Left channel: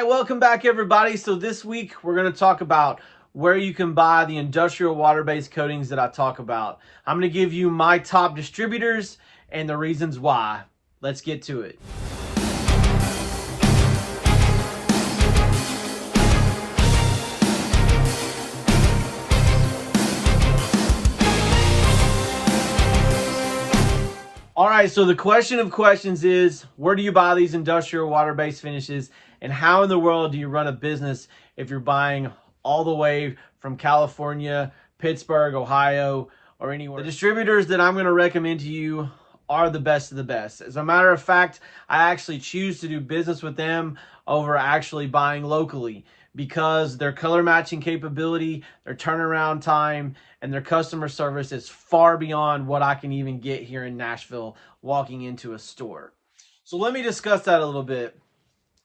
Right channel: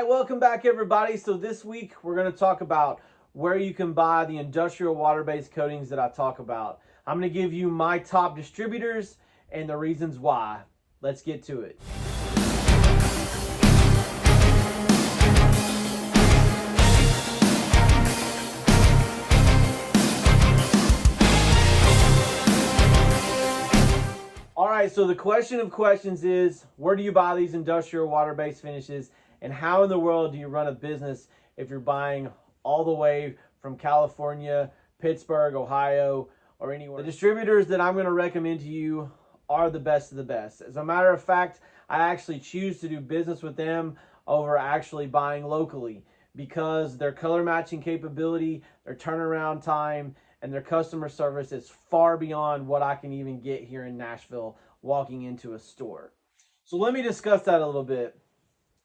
right, welcome back everybody. So this week we're going to talk about where you can buy the industrial water-based coatings that I talk about. I'm going to give you my top distributors and the reasons why. Let's get to it. All right, so the question of questions is, where do you buy these industrial water-based finishes, and how in the world do you run a business if you're buying all the way from California, Pittsburgh, Ohio, or anywhere? The distributors that I'm going to recommend to you are the best of the best. As a matter of fact, I actually choose to do business with them over actually buying locally, because their color matching capability, their turnaround time, and their customer service is far beyond what I can even get here in Nashville walking into a store. So let me discuss that a little bit.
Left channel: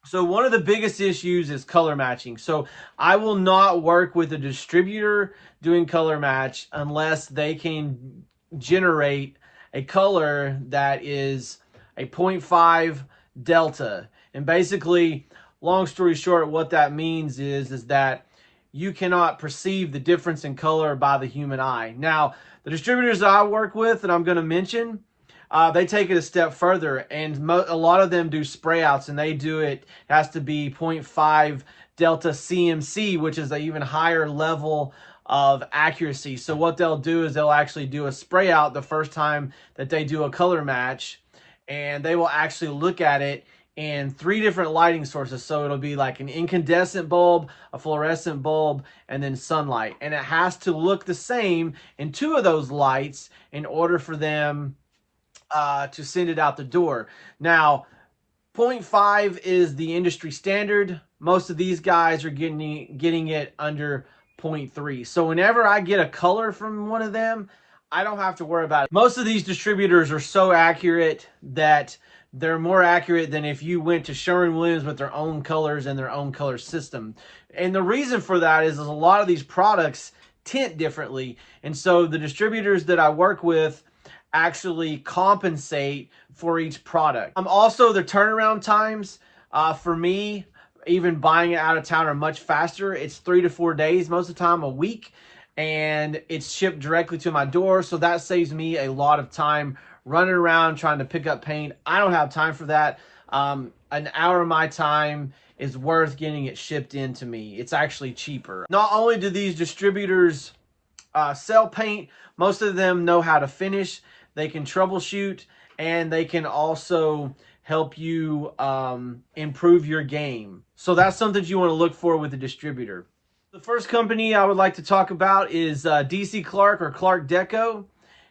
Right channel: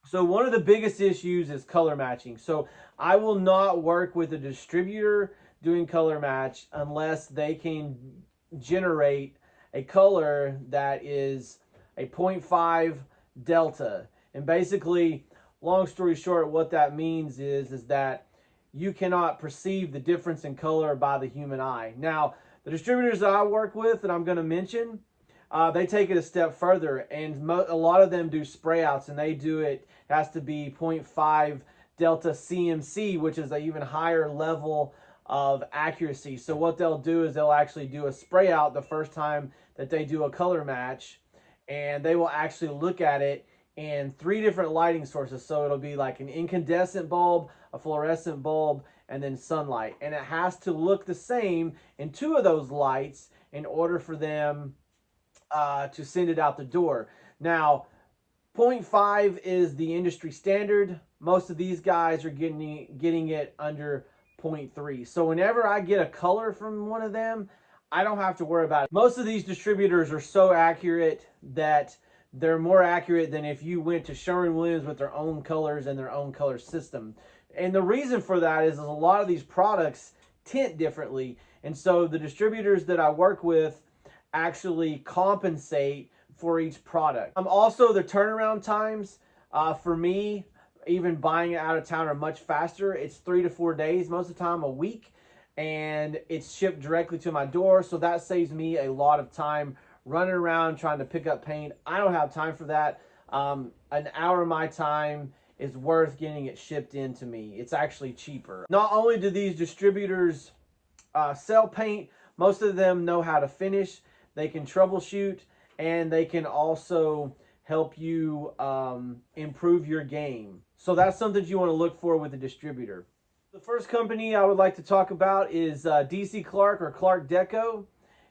So one of the biggest issues is color matching. So I will not work with a distributor doing color match unless they can generate a color that is a 0.5 delta. And basically, long story short, what that means is that you cannot perceive the difference in color by the human eye. Now, the distributors that I work with that I'm going to mention, they take it a step further, and a lot of them do spray outs, and they do it has to be 0.5 delta CMC, which is an even higher level of accuracy. So what they'll do is they'll actually do a spray out the first time that they do a color match, and they will actually look at it in 3 different lighting sources. So it'll be like an incandescent bulb, a fluorescent bulb, and then sunlight. And it has to look the same in 2 of those lights in order for them to send it out the door. Now, 0.5 is the industry standard. Most of these guys are getting it under 0.3. So whenever I get a color from one of them, I don't have to worry about it. Most of these distributors are so accurate that they're more accurate than if you went to Sherwin-Williams with their own colors and their own color system. And the reason for that is a lot of these products tint differently. And so the distributors that I work with actually compensate for each product. Also, the turnaround times for me, even buying it out of town, are much faster. It's 3 to 4 days, most of the time a week, and it's shipped directly to my door. So that saves me a lot of time running around trying to pick up paint. I don't have time for that. An hour of my time is worth getting it shipped in to me. It's actually cheaper. Not only do these distributors sell paint, most of them know how to finish. They can troubleshoot, and they can also help you improve your game. So that's something you want to look for with a distributor. The first company I would like to talk about is DC Clark, or Clark Deco,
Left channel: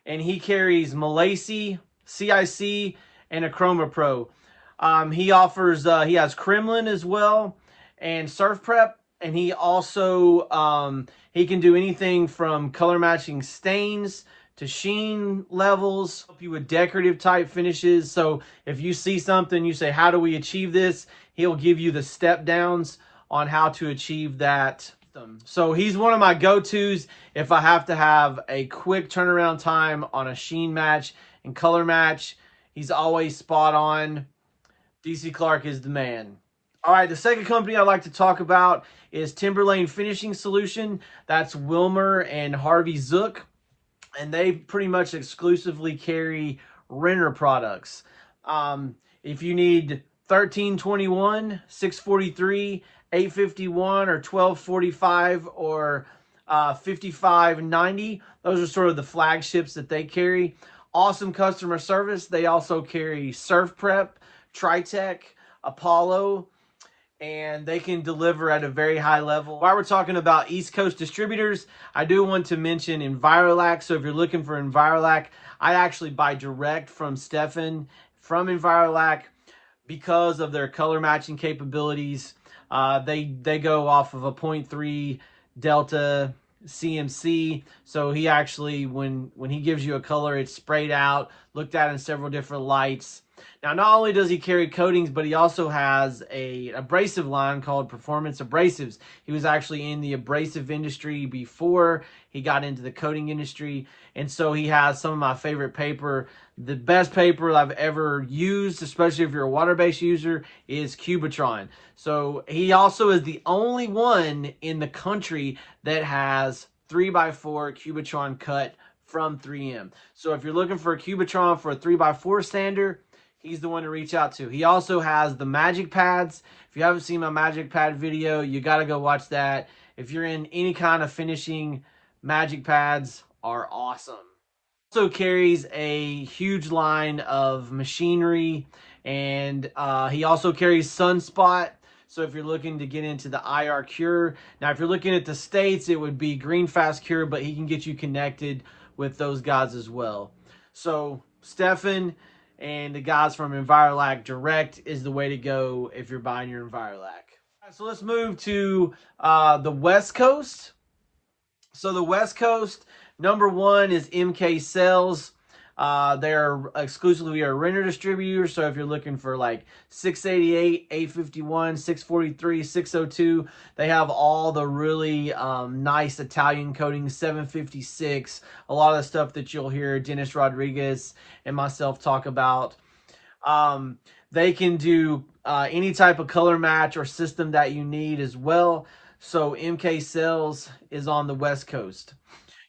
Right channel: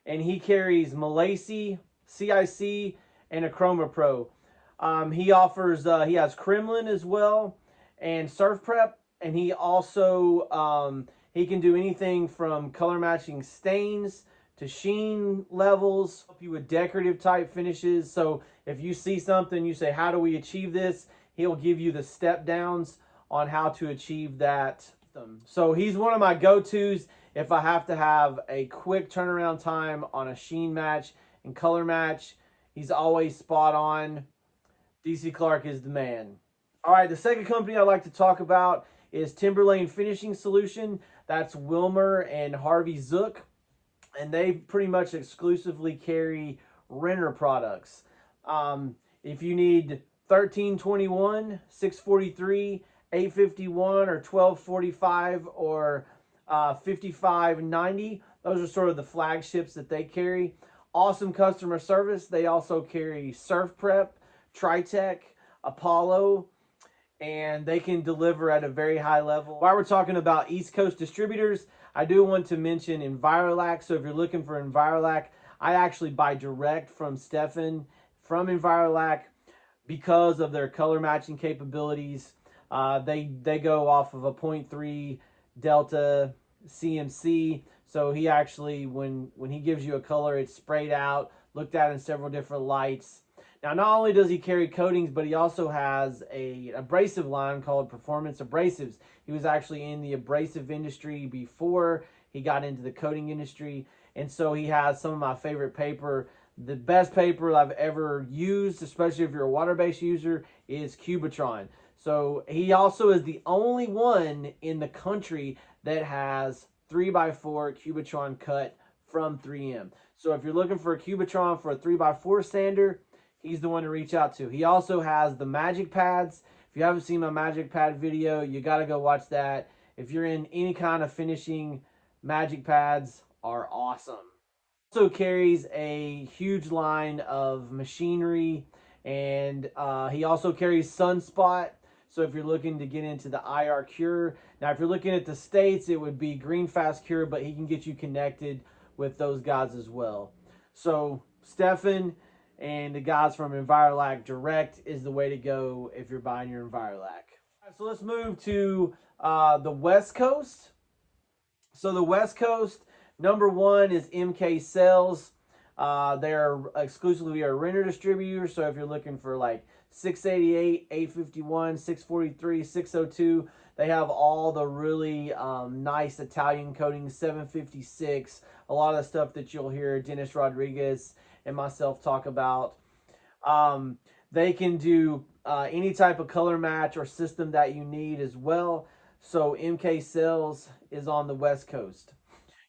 and he carries Milesi, CIC, and a Chroma Pro. He offers, he has Kremlin as well, and Surfprep, and he also, he can do anything from color matching stains to sheen levels, help you with decorative type finishes. So if you see something, you say, how do we achieve this? He'll give you the step downs on how to achieve that. So he's one of my go-tos if I have to have a quick turnaround time on a sheen match and color match. He's always spot on. DC Clark is the man. All right, the second company I'd like to talk about is Timberlane Finishing Solution. That's Wilmer and Harvey Zook, and they pretty much exclusively carry Renner products. If you need 1321, 643, 851, or 1245, or 5590, those are sort of the flagships that they carry. Awesome customer service. They also carry Surfprep, Tritech, Apollo, and they can deliver at a very high level. While we're talking about East Coast distributors, I do want to mention Envirolac. So if you're looking for Envirolac, I actually buy direct from Stefan from Envirolac because of their color matching capabilities. They go off of a 0.3 delta CMC. So he actually, when he gives you a color, it's sprayed out, looked at in several different lights. Now, not only does he carry coatings, but he also has a abrasive line called Performance Abrasives. He was actually in the abrasive industry before he got into the coating industry. And so he has some of my favorite paper the best paper I've ever used, especially if you're a water-based user, is Cubitron. So he also is the only one in the country that has 3x4 Cubitron cut from 3M. So if you're looking for a Cubitron for a 3x4 sander, he's the one to reach out to. He also has the magic pads. If you haven't seen my magic pad video, you got to go watch that. If you're in any kind of finishing, magic pads are awesome. Also carries a huge line of machinery, and he also carries Sunspot. So if you're looking to get into the IR Cure, now if you're looking at the States, it would be Green Fast Cure, but he can get you connected with those guys as well. So Stefan and the guys from Envirolac Direct is the way to go if you're buying your Envirolac. So let's move to the West Coast. So the West Coast, number one is MK Sales. They're exclusively a Renner distributor. So if you're looking for like 688, 851, 643, 602, they have all the really nice Italian coatings, 756, a lot of the stuff that you'll hear Dennis Rodriguez and myself talk about. They can do any type of color match or system that you need as well. So MK Sales is on the West Coast.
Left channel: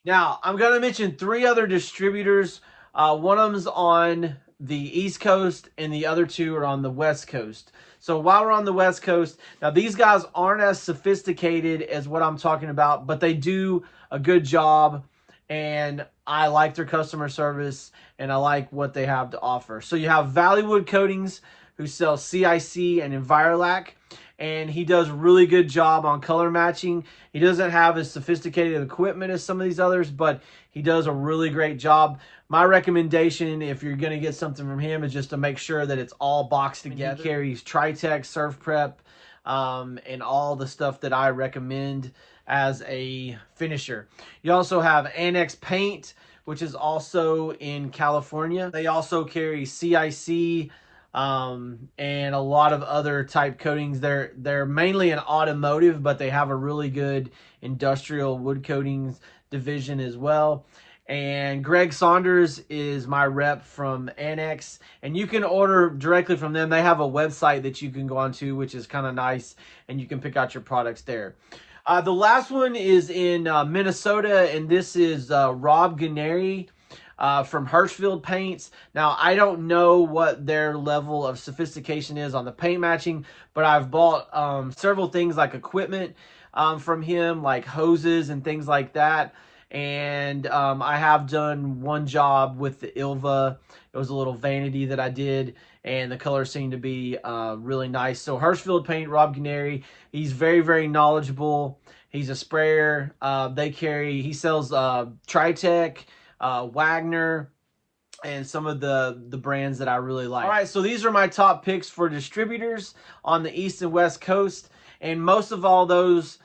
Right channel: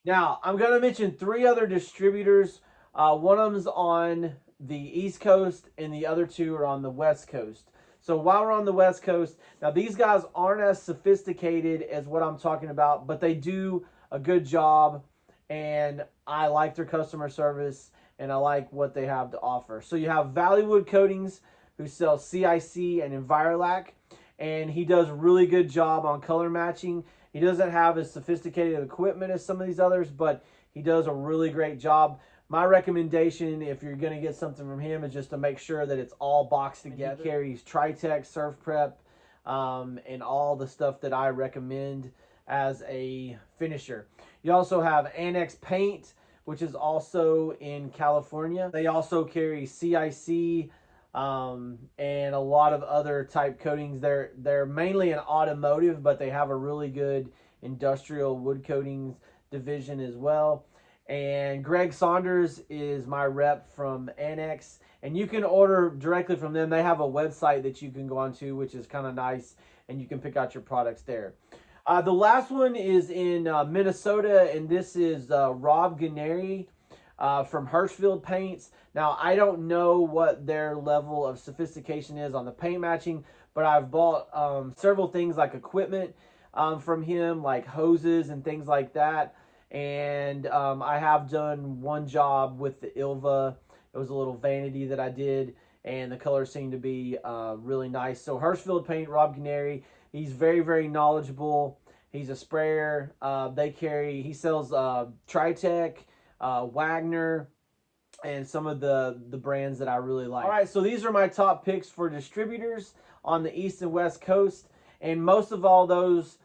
Now, I'm going to mention 3 other distributors. One of them's on the East Coast, and the other 2 are on the West Coast. So while we're on the West Coast, now these guys aren't as sophisticated as what I'm talking about, but they do a good job, and I like their customer service, and I like what they have to offer. So you have Valleywood Coatings, who sells CIC and Envirolac, and he does a really good job on color matching. He doesn't have as sophisticated equipment as some of these others, but he does a really great job. My recommendation, if you're going to get something from him, is just to make sure that it's all boxed together. He carries Tritech, Surfprep, and all the stuff that I recommend as a finisher. You also have Annex Paint, which is also in California. They also carry CIC, and a lot of other type coatings. They're mainly an automotive, but they have a really good industrial wood coatings division as well. And Greg Saunders is my rep from Annex, and you can order directly from them. They have a website that you can go onto, which is kind of nice, and you can pick out your products there. The last one is in Minnesota, and this is Rob Guarneri from Hirschfield Paints. Now, I don't know what their level of sophistication is on the paint matching, but I've bought several things like equipment from him, like hoses and things like that. And I have done one job with the Ilva. It was a little vanity that I did, and the colors seemed to be really nice. So Hirschfield Paint, Rob Guarneri, he's very, very knowledgeable. He's a sprayer. He sells Tritech, Wagner, and some of the brands that I really like. All right, so these are my top picks for distributors on the East and West Coast, and most of all those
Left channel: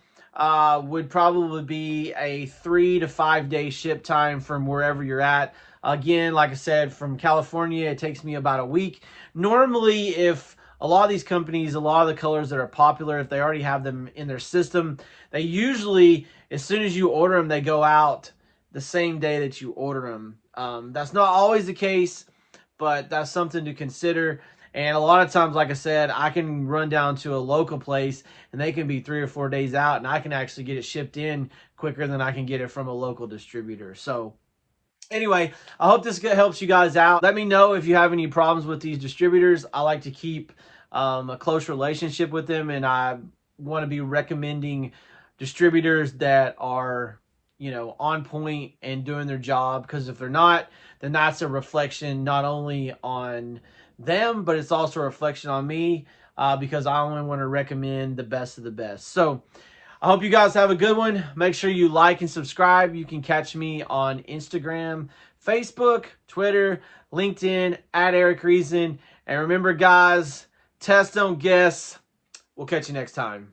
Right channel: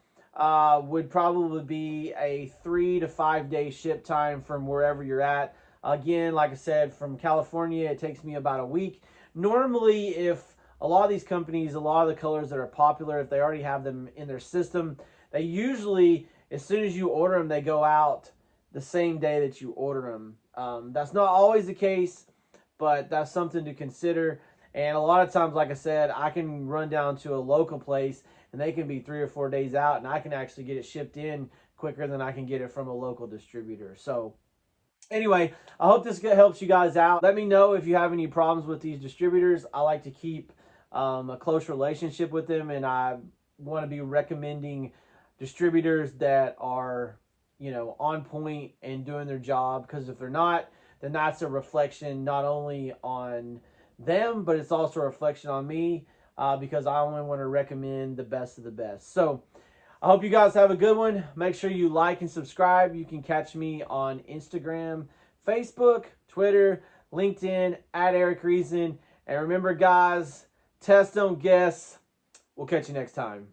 would probably be a 3 to 5 day ship time from wherever you're at. Again, like I said, from California, it takes me about a week. Normally, if a lot of these companies, a lot of the colors that are popular, if they already have them in their system, they usually, as soon as you order them, they go out the same day that you order them. That's not always the case, but that's something to consider. And a lot of times, like I said, I can run down to a local place and they can be 3 or 4 days out, and I can actually get it shipped in quicker than I can get it from a local distributor. So anyway, I hope this helps you guys out. Let me know if you have any problems with these distributors. I like to keep a close relationship with them, and I want to be recommending distributors that are, you know, on point and doing their job, because if they're not, then that's a reflection not only on them, but it's also a reflection on me, because I only want to recommend the best of the best. So I hope you guys have a good one. Make sure you like and subscribe. You can catch me on Instagram, Facebook, Twitter, LinkedIn, @EricReason. And remember, guys, test, don't guess. We'll catch you next time.